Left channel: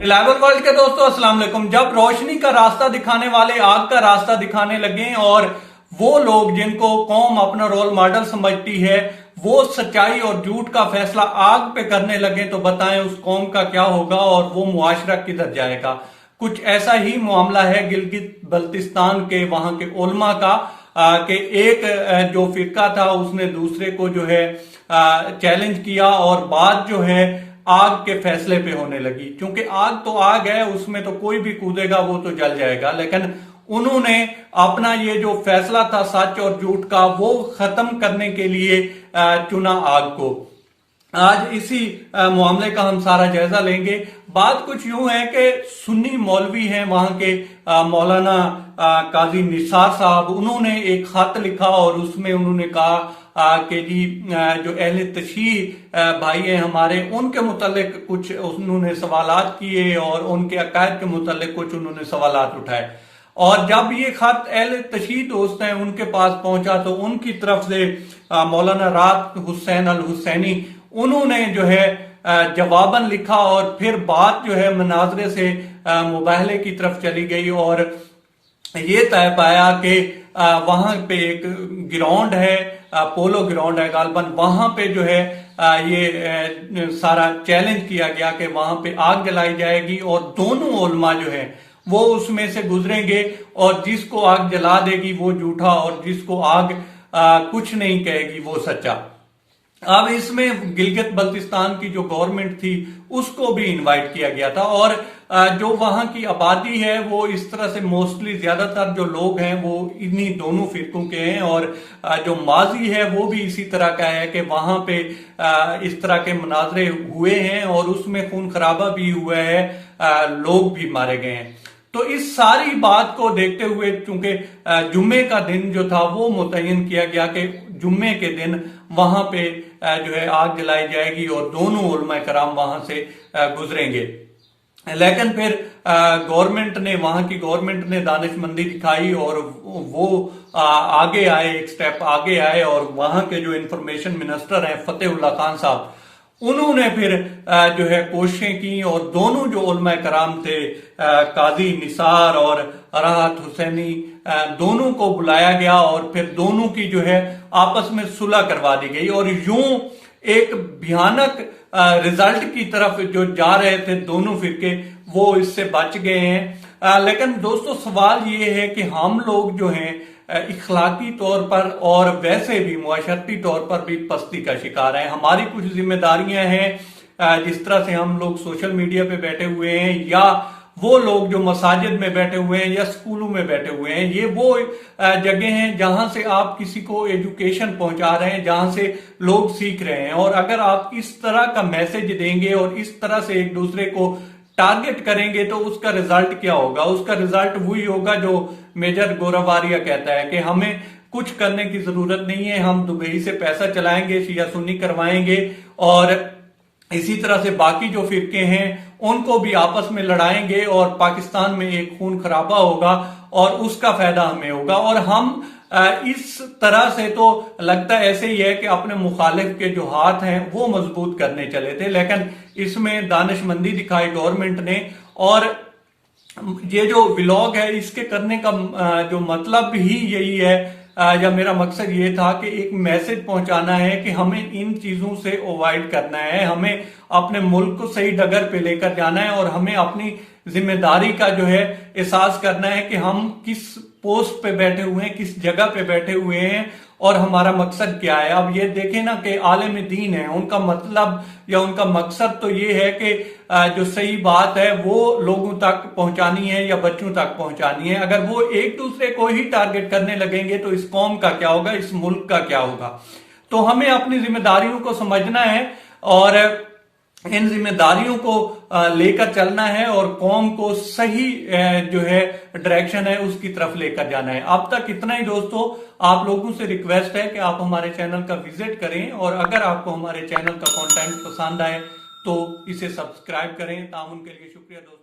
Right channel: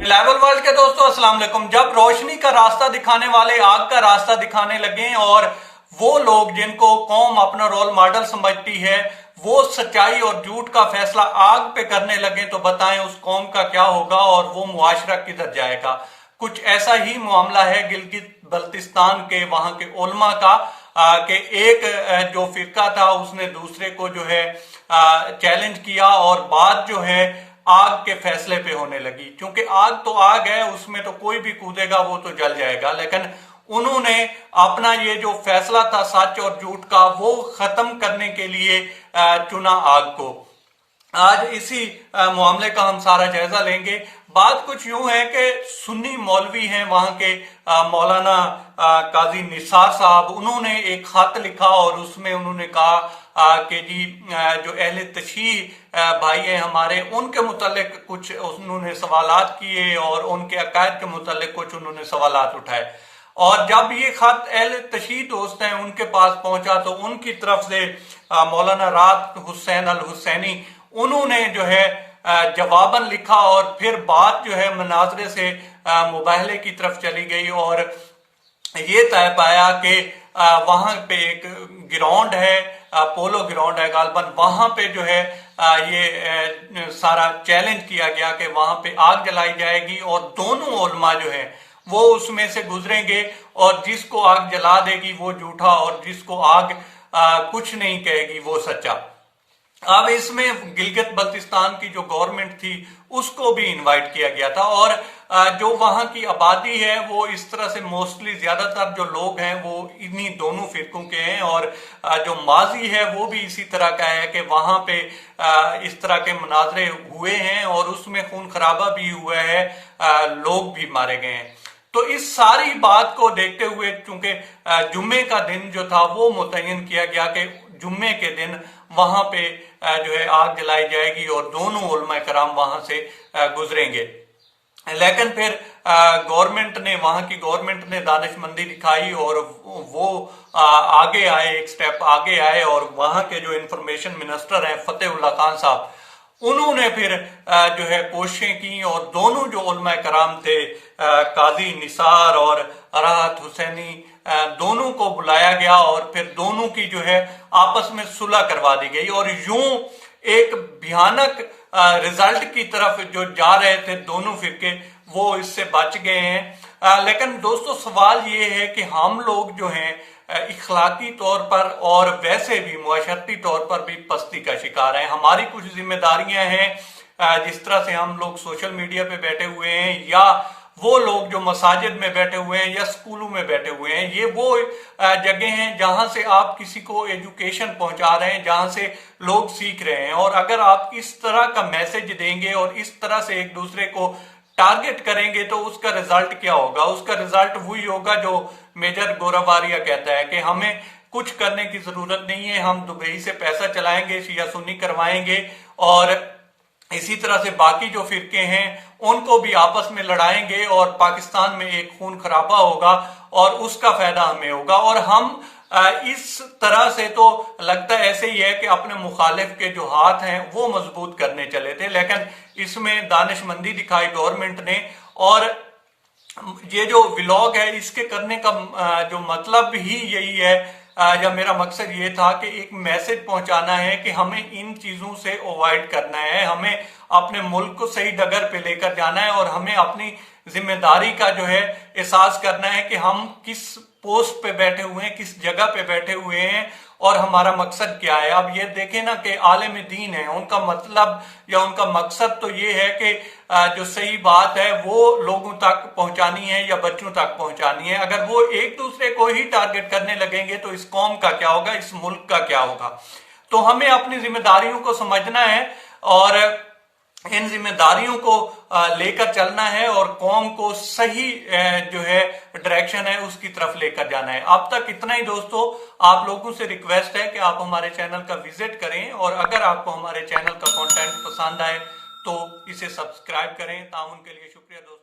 Level world के दोस्तों अस्सलाम वालेकुम। जब रोशनी का रास्ता दिखाने वाले आग का रास्ता दिखाने लगे और वो लोग जिनको कौम अपना रोल मॉडल समझती है वो सच्चाई और झूठ का फैसला आग पे करने लगे तो बताएं उस कौम का क्या होगा और वो मुआशरा किधर जाएगा। कुछ ऐसा ही मामला है गिलगित बल्तिस्तान के वहां के उलमा का कि एक जो फिरका था उसने दूसरे को जो है चैलेंज किया और बात जो है आग के फैसले पे होने लगी। क्योंकि आग तो आग है, उसमें तो कोई भी कूदेगा वो तो जल जाएगा, लेकिन उन्होंने अपना ये जो फैसला था सच और झूठ का वो खत्म करने के लिए चुना आग को। आज इसी मामले का हम सारा जायजा लेंगे। बात कुछ यूं है कि सुन्नी मौलवी हैं वहां के मौलाना काजी निसार साहब, उन्होंने एक खत लिखा और उसमें उन्होंने कहा कि जी जो अहले तशीह भाई हैं हमारे, उनके मुतालिक कुछ उन्होंने सवालात किए और उनके अकायद के मुतालिक कुछ उन्होंने सवालात उठाए। और जब ये खत अहले तशीह दोस्त हैं उनके पास पहुंचा तो उनकी तरफ से मौलाना रात हुसैन अल हुसैनी उन्होंने जो है जवाबन लिखा और फिर बात जो है मुनाजरे से मुबाहले की तरफ चली गई और ये तय पाया कि वहां पे एक ग्राउंड है, पोलो ग्राउंड है गालबन, वहां पे जो है ये सारा चैलेंज किया गया कि वहां पे आग जलाई जाएगी और दोनों उलमा जो है वो उसमें से गुजरेंगे और जिसको आग जला देगी वो झूठा और जिसको आग कुछ नहीं कहेगी वो सच्चा। अब इसमें गिलगित बल्तिस्तान की जो गवर्नमेंट थी उसको भी इनवाइट किया गया था और जो वहां की आबादी है वो इस तरह से मोस्टली ज्यादातर जो लोग हैं वो इन्हीं दोनों फिरकों के हैं और जो माजी है वो भी इसी तरह का है कि वहां पे इस तरह के मुनाजरे हुए हैं और उसमें खून खराबा भी हुआ है, लोग भी मारे गए हैं। तो इस सारी बात को देखते हुए चूंकि जुम्मे का दिन जो था वो मुतय्यन किया गया कि जुम्मे के दिन वहां पे जो है आग जलाई जाएगी और दोनों उलमा कराम वहां से गुजरेंगे। लेकिन फिर गवर्नमेंट ने, वहां की गवर्नमेंट ने दानिशमंदी दिखाई और वो आगे आए, एक स्टेप आगे आए और वहां के जो इंफॉर्मेशन मिनिस्टर हैं फतेहुल्लाह खान साहब, उन्होंने फिर जो है कोशिशें की और दोनों जो उलमा कराम थे काजी निसार और राहत हुसैनी, दोनों को बुलाया गया और फिर दोनों की जो है आपस में सुलह करवा दी गई और यूं एक भयानक रिजल्ट की तरफ जो जा रहे थे दोनों फिरके वो इससे बच गए हैं। लेकिन दोस्तों सवाल ये है कि हम लोग जो हैं इखलाकी तौर पर और वैसे भी मुआशरती तौर पर भी पस्ती का शिकार हैं। हमारी कुछ जिम्मेदारियां हैं, जिस तरह से हम लोग सोशल मीडिया पे बैठे हुए हैं या वो लोग जो मसाजिद में बैठे हुए हैं या स्कूलों में बैठे हुए हैं, ये वो जगह हैं जहां से आप किसी को एजुकेशन पहुंचा रहे हैं, जहां से लोग सीख रहे हैं। और अगर आप इस तरह का मैसेज देंगे और इस तरह से एक दूसरे को टारगेट करेंगे तो उसका रिजल्ट क्या होगा? उसका रिजल्ट वही होगा जो मेजर गोरावारिया कहता है कि हमें कुछ करने की जरूरत नहीं है, हम दुबई से पैसा चलाएंगे, शिया सुन्नी करवाएंगे और इसी तरह से बाकी जो फिरके हैं उनको भी आपस में लड़ाएंगे और पाकिस्तान में एक खून खराबा होगा और उसका फायदा हमें होगा। और हम इस तरह से तो लगता ऐसे ही है कि अपने मुखालिफ के जो हाथ हैं वो मजबूत करने चले थे, लेकिन इसमें दानिशमंदी दिखाई गवर्नमेंट ने। और ये जो व्लॉग है इसके करने का जो मतलब ही यही है या मेरा मकसद ये था कि एक मैसेज पहुंचाना है कि हमें इन चीजों से अवॉइड करना है, हमें अपने मुल्क को सही डगर पे लेकर जाना है और हमें अपनी जिम्मेदारी का जो है एहसास करना है कि हम किस पोस्ट पे बैठे हुए हैं, किस जगह पे बैठे हुए हैं और हमारा मकसद क्या है। अब ये देखें ना कि आलिम दीन है, उनका मतलब या उनका मकसद तो ये है कि जो सही बात है वो लोगों तक पहुंचानी है या बच्चों तक पहुंचानी है। अगर वो एक दूसरे को ही टारगेट करने लगेंगे तो इस कौम का क्या होगा, इस मुल्क का क्या होगा। तो हमें अपनी जिम्मेदारियों को समझना है और इन जिम्मेदारियों को लेकर चलना है और कौम को सही जो है डायरेक्शन है उसकी तरफ लेकर जाना है। अब तक इतना ही दोस्तों, आप लोगों से रिक्वेस्ट है कि आप हमारे चैनल का विजिट करें और अगर आपको हमारे चैनल का कंटेंट पसंद आए तो इसे सब्सक्राइब करें। ताउन के लिए शुक्रिया दोस्तों।